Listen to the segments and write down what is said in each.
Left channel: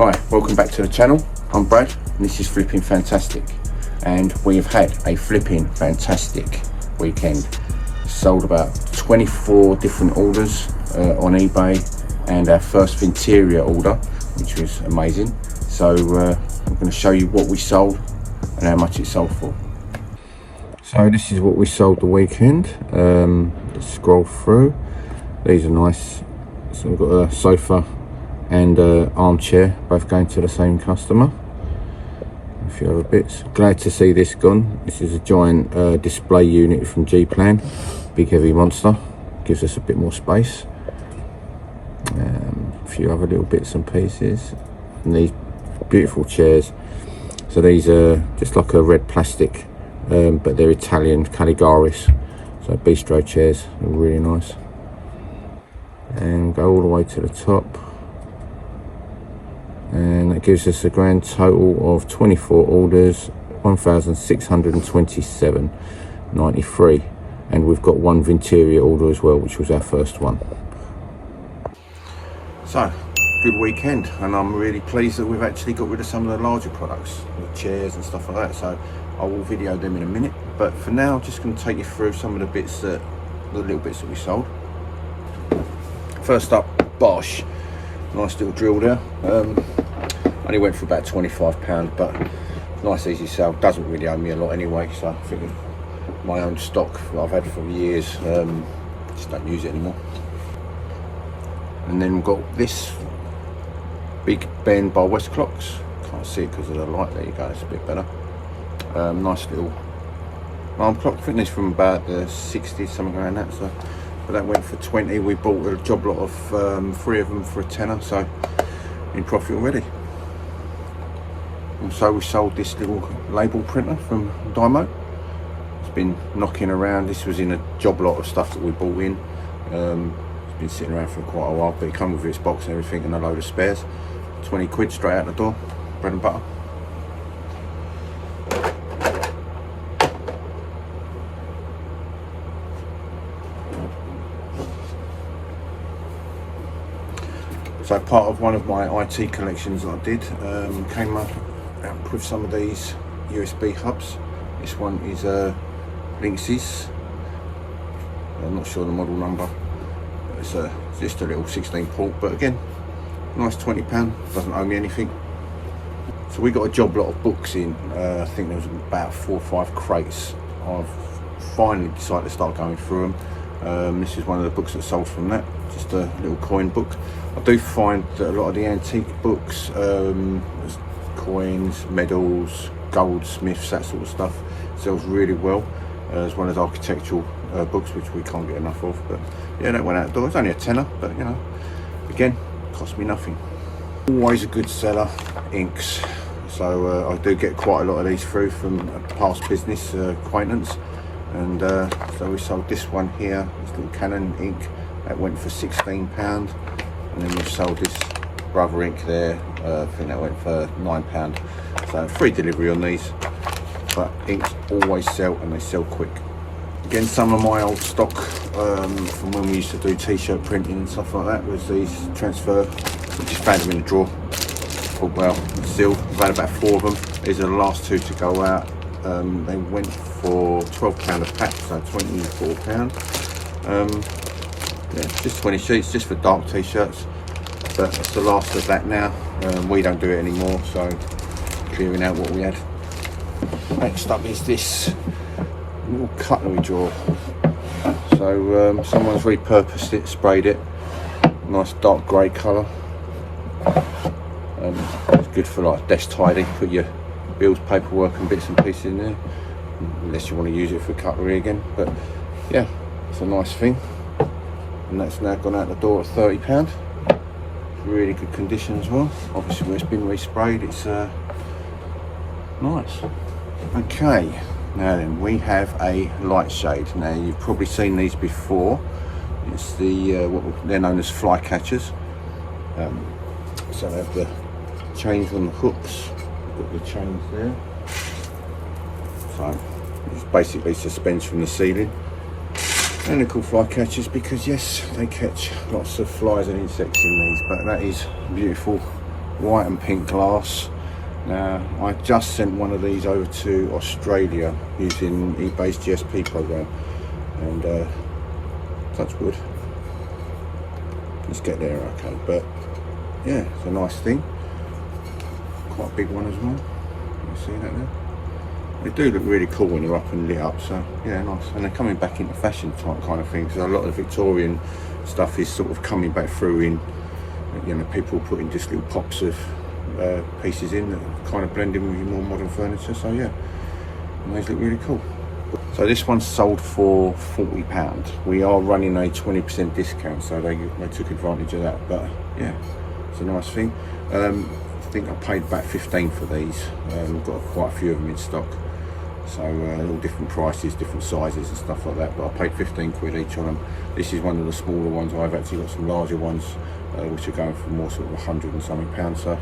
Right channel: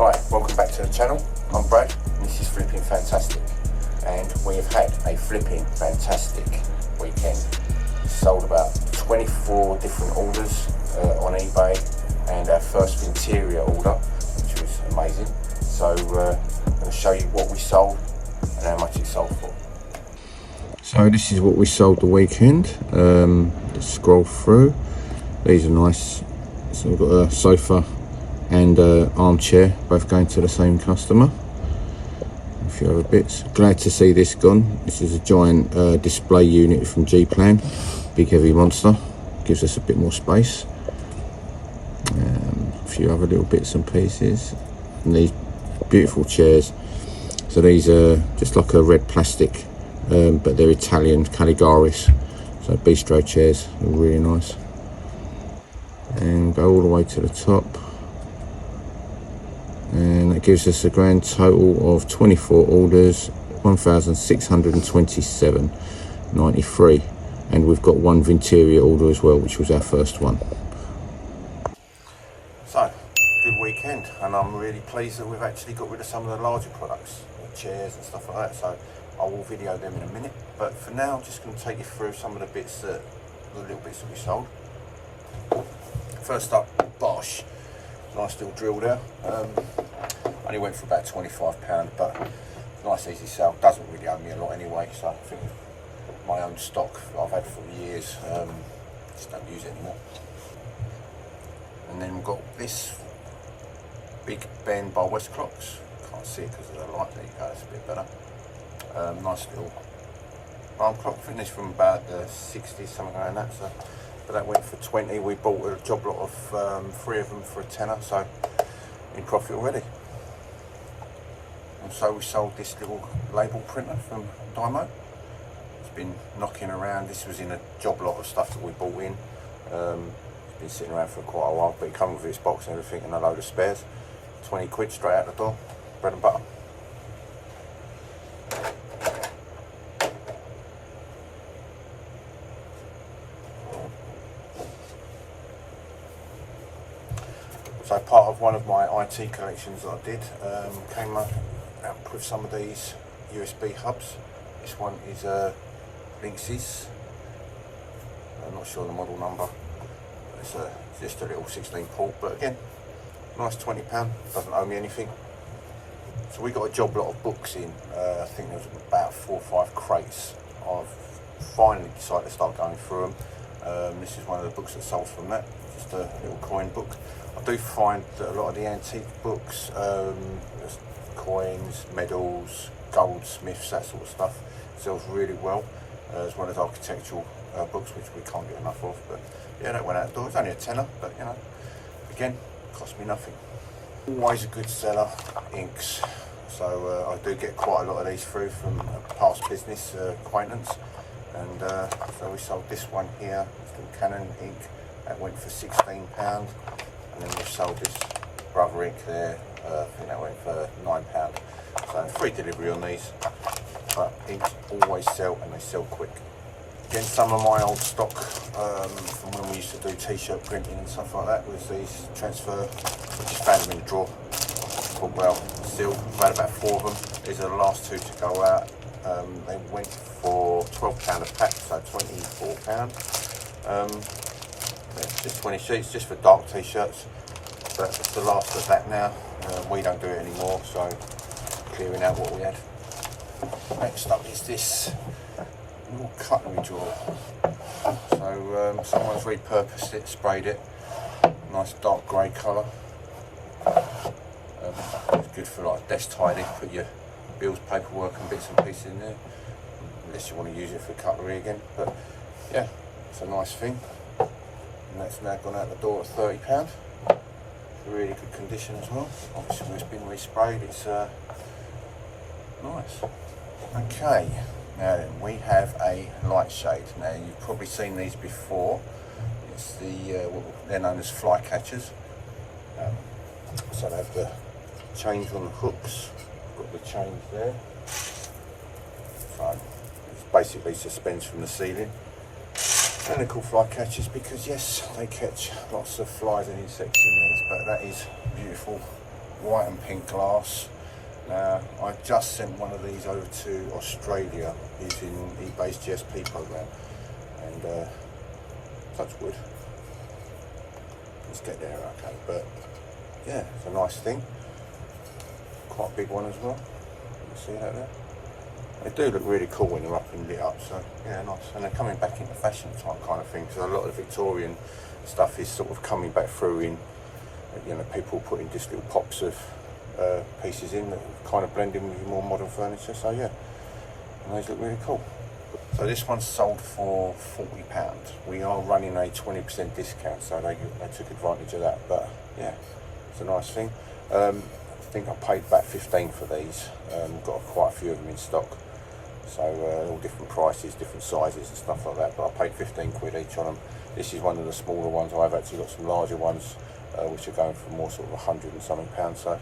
Hi, welcome back to the channel. I'm Brad and this is Flipping Fantastic, and we've had a flipping fantastic weekend. Sold about 24 different orders on eBay, and our first interior order, which was amazing. So I'm going to show you what we sold and how much it sold for. So this is what we sold the weekend. Let's scroll through. These are nice. So we've got a sofa and armchair, both going to the same customer. A few other bits. Glad to see this gone. This is a giant display unit from G-Plan, big heavy monster. Gives us a bit more space. A few other little bits and pieces. And these beautiful chairs. So these are just like a red plastic, but they're Italian Caligaris. So bistro chairs are really nice. And go all the way to the top. And that gives us a grand total of 24 orders, 1,627.93, and we've got one Vinteria order as well, which was our first one. So good weekend, and I'm really pleased that we've actually got rid of some of the larger products, the chairs and stuff like that. So I will video them in a minute, but for now I'm just going to take you through some of the bits that, the little bits that we sold. First up, Bosch. Nice little drill there. Only went for about £25, but nice easy sale. Doesn't really owe me a lot anyway, so I think my own stock that I've had for years, just don't use it anymore. And then we've got this Big Ben by West Clocks. Can't see it because of the light. There you go, it's a bit better. Nice little alarm clock. I think this from about the 60s, something around that. So, but that went for 20. We bought a job lot of 3 of them for a tenner, so in profit already. Also, we sold this little label printer from Dymo. It's been knocking around. This was in a job lot of stuff that we bought in. It's been sitting around for quite a while, but it comes with its box and everything and a load of spares. 20 quid straight out the door, bread and butter. So part of one of my IT collections that I did, came up with some of these USB hubs. This one is Lynx's. I'm not sure the model number. It's just a little 16 port, but again, nice £20. Doesn't owe me anything. So we got a job lot of books in. I think there was about 4 or 5 crates. I've finally decided to start going through them. This is one of the books that sold from that. Just a little coin book. I do find that a lot of the antique books, coins, medals, goldsmiths, that sort of stuff, sells really well, as well as architectural books, which we can't get enough of. But yeah, that went out the door. It's only a tenner, but you know, again, cost me nothing. Always a good seller, inks. So I do get quite a lot of these through from a past business acquaintance, and so we sold this one here, this little Canon ink. That went for £16, and then we've sold this Brother ink there. I think that went for £9. So free delivery on these, but inks always sell, and they sell quick. Again, some of my old stock from when we used to do t-shirt printing and stuff like that was these transfer. I just found them in the drawer. Thought, well, still, I've had about 4 of them. These are the last 2 to go out. They went for £12 a pack, so £24. Yeah, just 20 sheets, just for dark t-shirts, but that's the last of that now. We don't do it anymore, so clearing out what we had. Next up is this little cutlery drawer. So someone's repurposed it, sprayed it, nice dark grey colour. It's good for like desk tidy, put your bills, paperwork and bits and pieces in there, unless you want to use it for cutlery again. But yeah, it's a nice thing. And that's now gone out the door at £30. Really good condition as well. Obviously where it's been resprayed, it's nice. Okay, now then, we have a light shade. Now you've probably seen these before. It's the what they're known as fly catchers. So they have the chains on the hooks. Got the chains there. So it's basically suspends from the ceiling. And they're called fly catchers because yes, they catch lots of flies and insects in these, but that is beautiful white and pink glass. Now I just sent one of these over to Australia using eBay's GSP program, and touch wood, let's get there okay. But yeah, it's a nice thing, quite a big one as well. You see that there? They do look really cool when they're up and lit up, so yeah, nice. And they're coming back into fashion type kind of thing, so a lot of the Victorian stuff is sort of coming back through in, you know, people putting just little pops of pieces in that kind of blend in with your more modern furniture. So yeah, and these look really cool. So this one's sold for £40. We are running a 20% discount, so they took advantage of that. But yeah, it's a nice thing. I think I paid about 15 for these. We've got quite a few of them in stock, so all different prices, different sizes and stuff like that. But I paid 15 quid each on them. This is one of the smaller ones. I've actually got some larger ones which are going for more sort of 100 and something pounds. So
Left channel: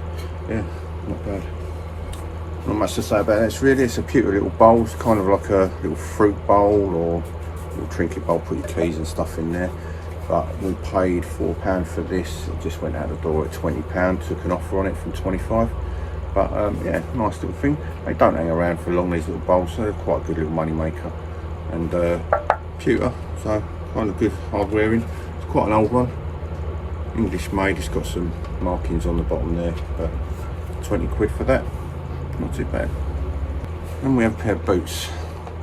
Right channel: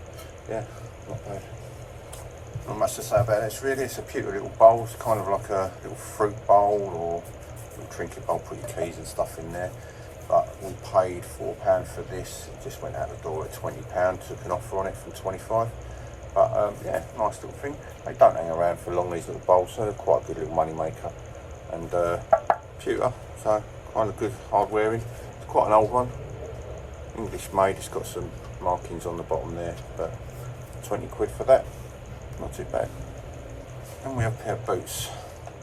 yeah, not bad. Not much to say about this really. It's a cute little bowl. It's kind of like a little fruit bowl or little trinket bowl. Put your keys and stuff in there. But we paid £4 for this. It just went out the door at £20. Took an offer on it from 25. But yeah, nice little thing. They don't hang around for long, these little bowls, so they're quite a good little money maker. And pewter, so kind of good hard wearing. It's quite an old one, English made. It's got some markings on the bottom there, but 20 quid for that, not too bad. And we have a pair of boots.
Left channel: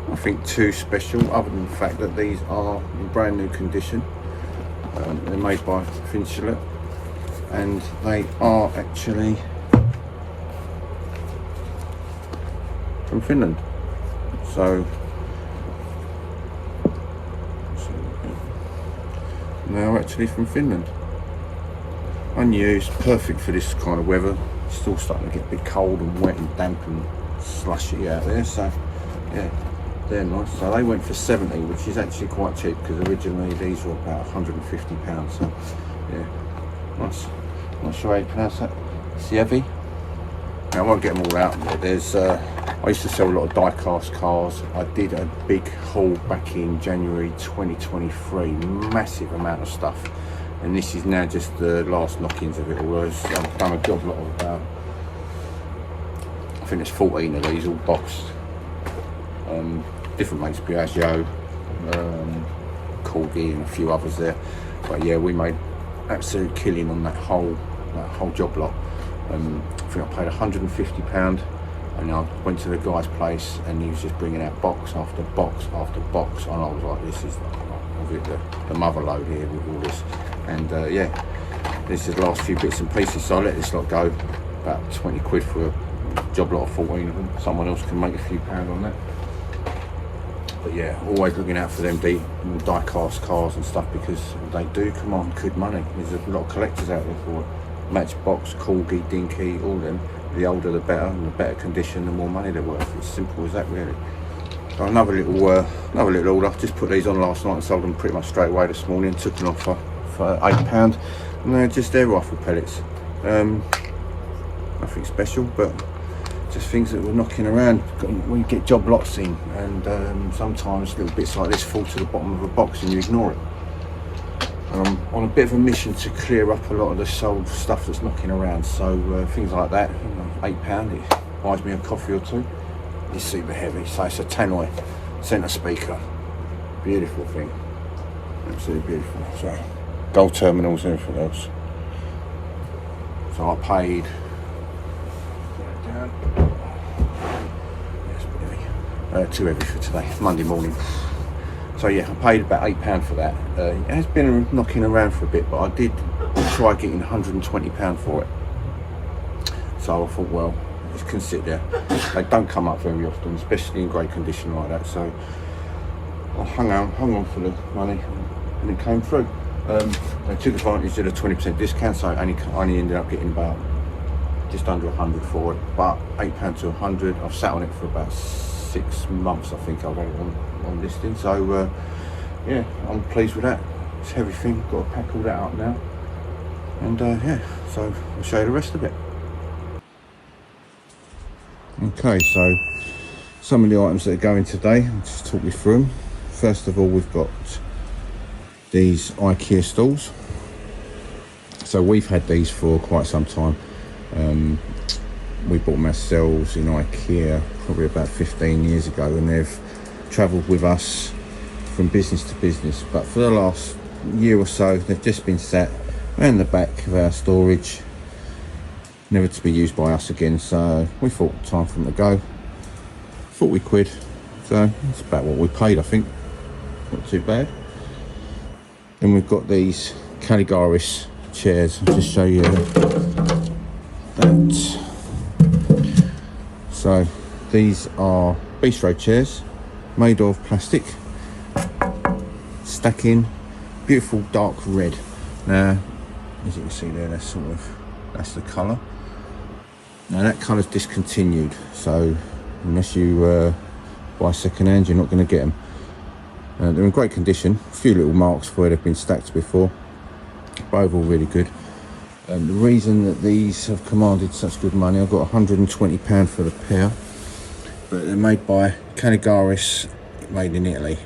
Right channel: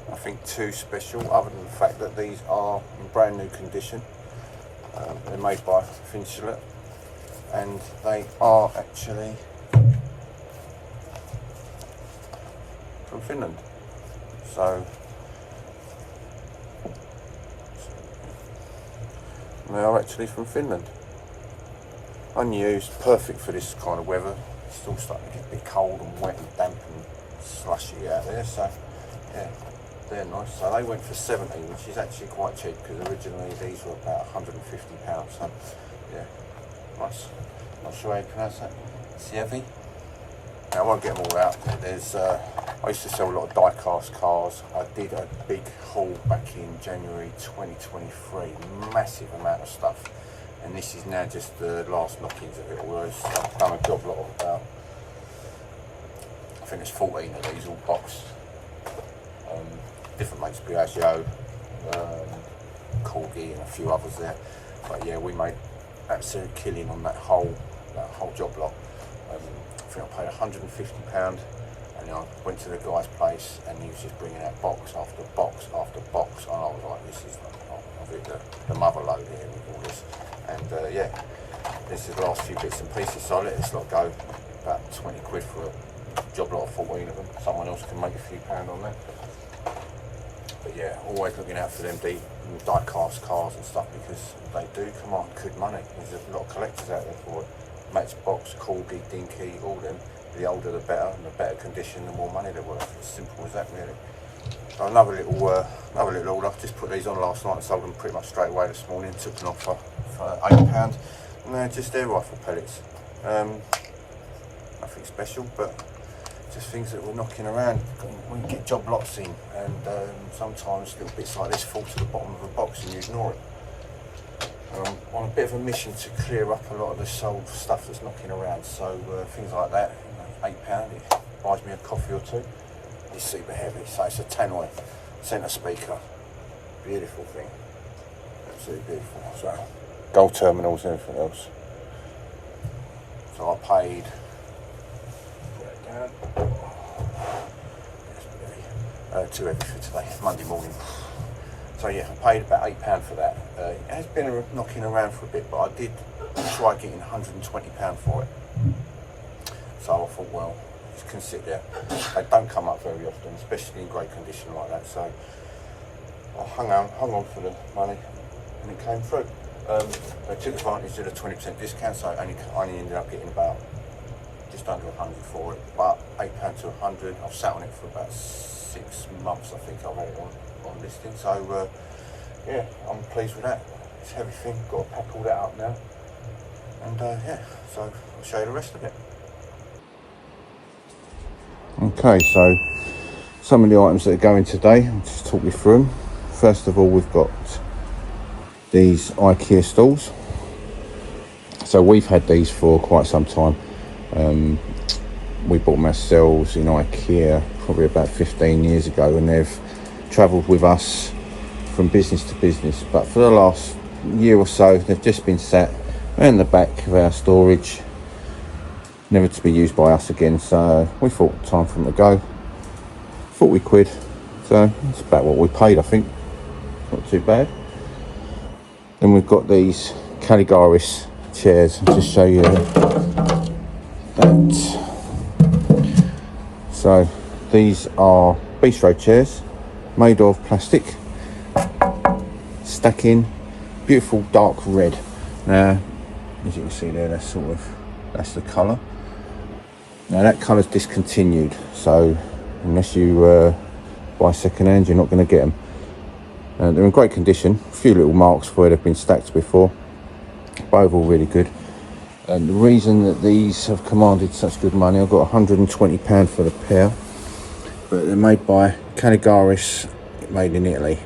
Nothing too special other than the fact that these are in brand new condition. They're made by Finchlett, and they are actually from Finland. So they are actually from Finland. Unused, perfect for this kind of weather. Still starting to get a bit cold and wet and damp and slushy out there, so yeah, they're nice. So they went for 70, which is actually quite cheap because originally these were about £150. So yeah, nice. I'm not sure how you pronounce that. Sievi. Now I won't get them all out. There's I used to sell a lot of die-cast cars. I did a big haul back in January 2023, massive amount of stuff. And this is now just the last knock-ins of it all. I've done a job lot of about, I think there's 14 of these, all boxed. Different makes, Piaggio, Corgi and a few others there. But yeah, we made absolute killing on that whole job lot. I think I paid £150, and I went to the guy's place and he was just bringing out box after box after box, and I was like, this is the mother load here with all this. And yeah, this is the last few bits and pieces, so I let this lot go. About 20 quid for a job lot of 14 of them. Someone else can make a few pound on that. But yeah, always looking out for them die-cast cars and stuff, because they do come on good money. There's a lot of collectors out there for it. Matchbox, Corgi, Dinky, all them. The older the better, and the better condition, the more money they're worth. It's simple as that really. So another little order. Just put these on last night and sold them pretty much straight away this morning. Took an offer for £8, and they're just air rifle pellets. Nothing special, but just things that were knocking around. We get job lots in, and sometimes little bits like this fall to the bottom of a box and you ignore it. And I'm on a bit of a mission to clear up a lot of the sold stuff that's knocking around. So things like that, you know, £8, it buys me a coffee or two. It's super heavy, so it's a Tannoy centre speaker. Beautiful thing, absolutely beautiful. So gold terminals and everything else. So I paid, too heavy for today, Monday morning. So yeah, I paid about £8 for that. It has been knocking around for a bit, but I did try getting £120 for it. So I thought, well, it can sit there. They don't come up very often, especially in great condition like that. So I hung on for the money, and it came through. They took advantage of the 20% discount, so I only ended up getting about just under 100 for it. But £8 to 100. I've sat on it for about 6 months, I think. I've had it on listing. So yeah, I'm pleased with that. It's a heavy thing. Got to pack all that up now. And yeah, so I'll show you the rest of it. Okay, so some of the items that are going today, I'll just talk you through them. First of all, we've got these IKEA stools. So we've had these for quite some time. We bought them ourselves in IKEA probably about 15 years ago, and they've travelled with us from business to business, but for the last year or so they've just been sat around the back of our storage, never to be used by us again. So we thought time for them to go. £40, so it's about what we paid, I think. Not too bad. Then we've got these Caligaris chairs. I'll just show you that. So these are bistro chairs made of plastic, stacking, beautiful dark red. Now, as you can see there, that's the colour. Now that colour's discontinued, so unless you buy second hand, you're not going to get them. They're in great condition, a few little marks where they've been stacked before, but overall really good. And the reason that these have commanded such good money, I've got £120 for the pair, but they're made by Caligaris, made in Italy,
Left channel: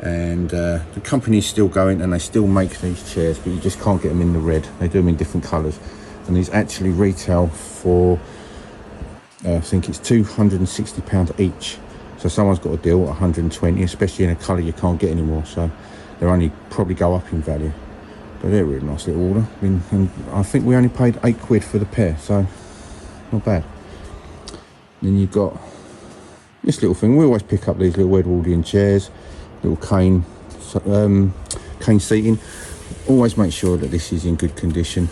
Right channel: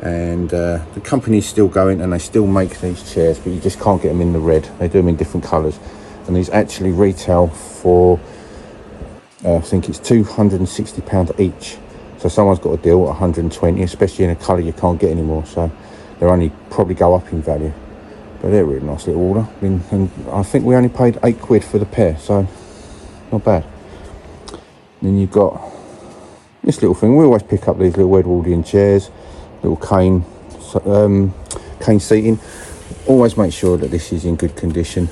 and the company's still going and they still make these chairs, but you just can't get them in the red. They do them in different colours, and these actually retail for I think it's £260 each. So someone's got a deal at 120, especially in a colour you can't get anymore, so they'll only probably go up in value. But they're a really nice little order, and I think we only paid £8 for the pair, so not bad. Then you've got this little thing. We always pick up these little Edwardian chairs, little cane seating. Always make sure that this is in good condition.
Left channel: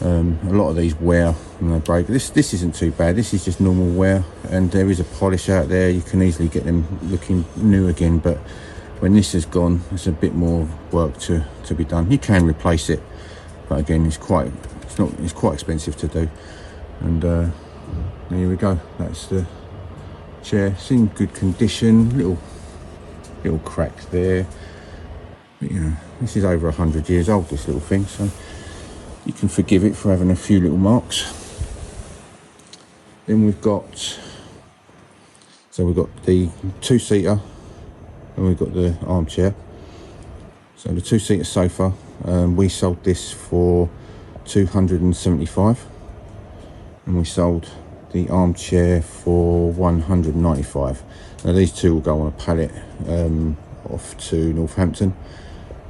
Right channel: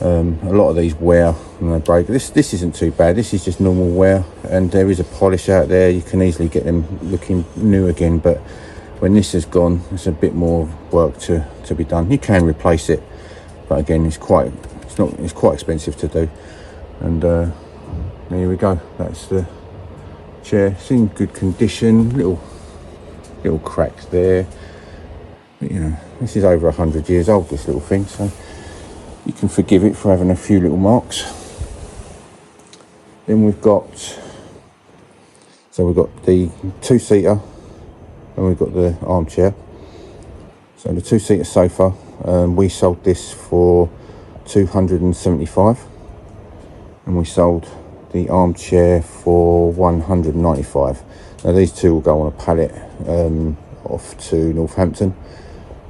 A lot of these wear and they break. This isn't too bad. This is just normal wear, and there is a polish out there. You can easily get them looking new again, but when this is gone, there's a bit more work to be done. You can replace it, but again, it's quite expensive to do. And there we go. That's the chair. It's in good condition. Little crack there. But, you know, this is over 100 years old, this little thing, so you can forgive it for having a few little marks. Then we've got the two-seater, and we've got the armchair. So the two-seater sofa, we sold this for £275, and we sold the armchair for £195. Now these two will go on a pallet off to Northampton.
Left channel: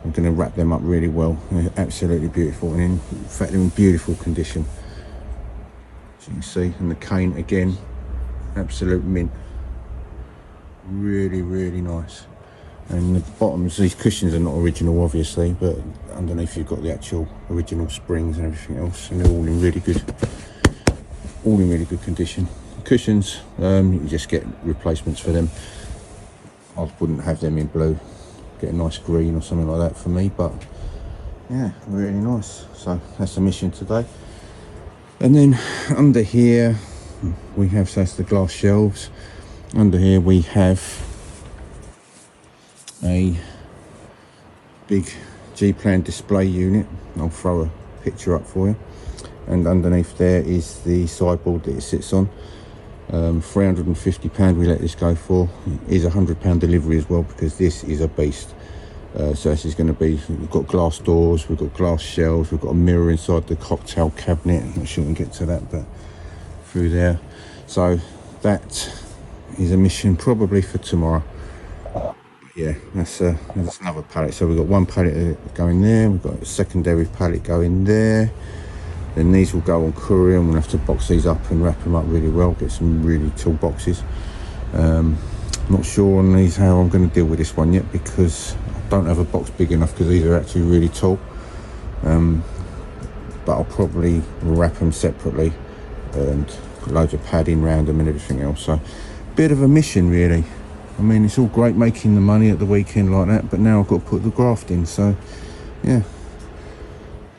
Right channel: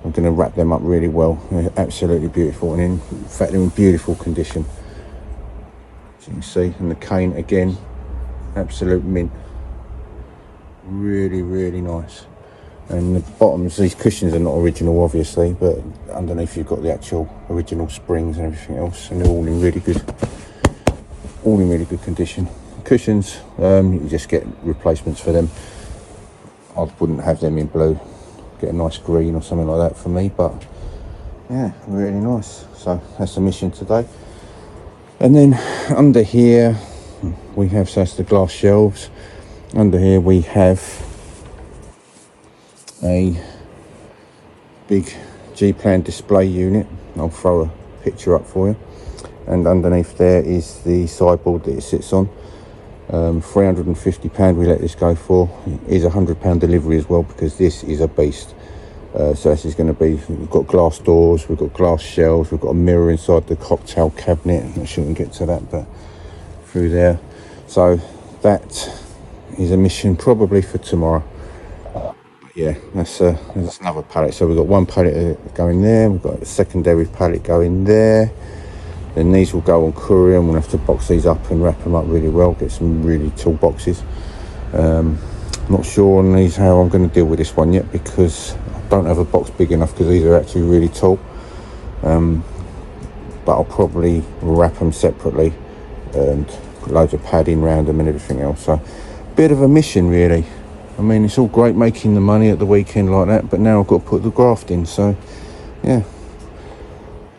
I'm going to wrap them up really well. They're absolutely beautiful, and in fact they're in beautiful condition, as you can see. And the cane again, absolute mint, really nice. And the bottoms, these cushions are not original obviously, but underneath you've got the actual original springs and everything else, and they're all in really good condition. Cushions, you can just get replacements for them. I wouldn't have them in blue. Get a nice green or something like that for me, but yeah, really nice. So that's the mission today. And then under here we have, so that's the glass shelves. Under here we have a big G-plan display unit. I'll throw a picture up for you. And underneath there is the sideboard that it sits on. £350 we let this go for. It is £100 delivery as well, because this is a beast. So this is going to be, we've got glass doors, we've got glass shelves, we've got a mirror inside the cocktail cabinet. I'm not sure we can get to that, but through there. So that is a mission probably for tomorrow. Yeah, that's another pallet. So we've got one pallet going there, we've got a secondary pallet going there. Then these will go on courier, and we'll have to box these up and wrap them up really well, get some really tall boxes. Not sure on these how I'm going to deal with this one yet, because I don't have a box big enough, because these are actually really tall. But I'll probably wrap them separately and put loads of padding around them and everything else. So bit of a mission really. I mean, it's all great making the money at the weekend like that, but now I've got to put the graft in. So yeah,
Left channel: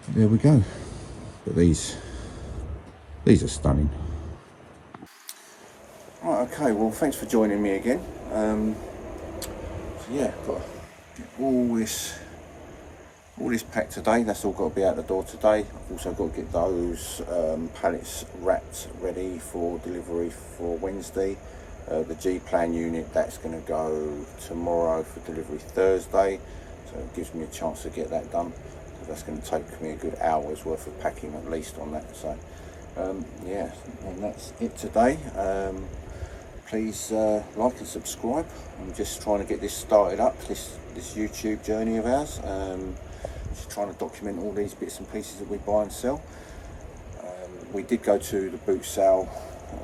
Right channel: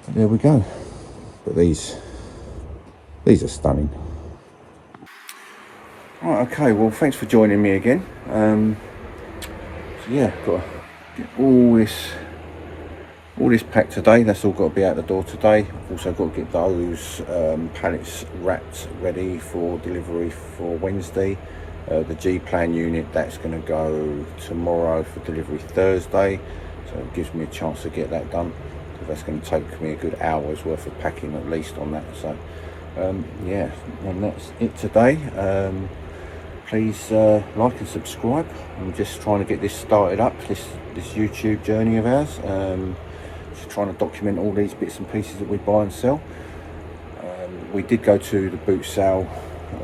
there we go. But these are stunning. Right, okay, well thanks for joining me again. So yeah, got to get all this packed today. That's all got to be out the door today. I've also got to get those pallets wrapped ready for delivery for Wednesday. The G-plan unit, that's going to go tomorrow for delivery Thursday, so it gives me a chance to get that done. That's going to take me a good hour's worth of packing at least on that. So Yeah, and that's it today. Please like and subscribe. I'm just trying to get this started up, this YouTube journey of ours. Just trying to document all these bits and pieces that we buy and sell. We did go to the boot sale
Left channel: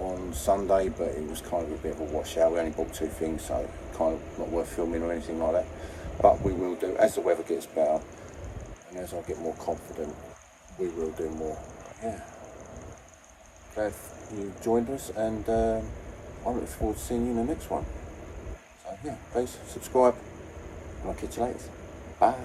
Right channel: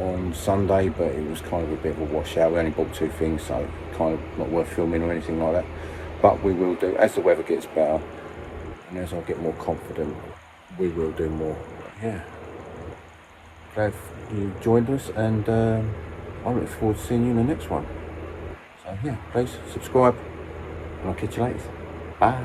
on Sunday, but it was kind of a bit of a washout. We only bought 2 things, so kind of not worth filming or anything like that. But we will do, as the weather gets better and as I get more confident, we will do more. Yeah, glad you joined us, and I look forward to seeing you in the next one. So yeah, please subscribe, and I'll catch you later. Bye.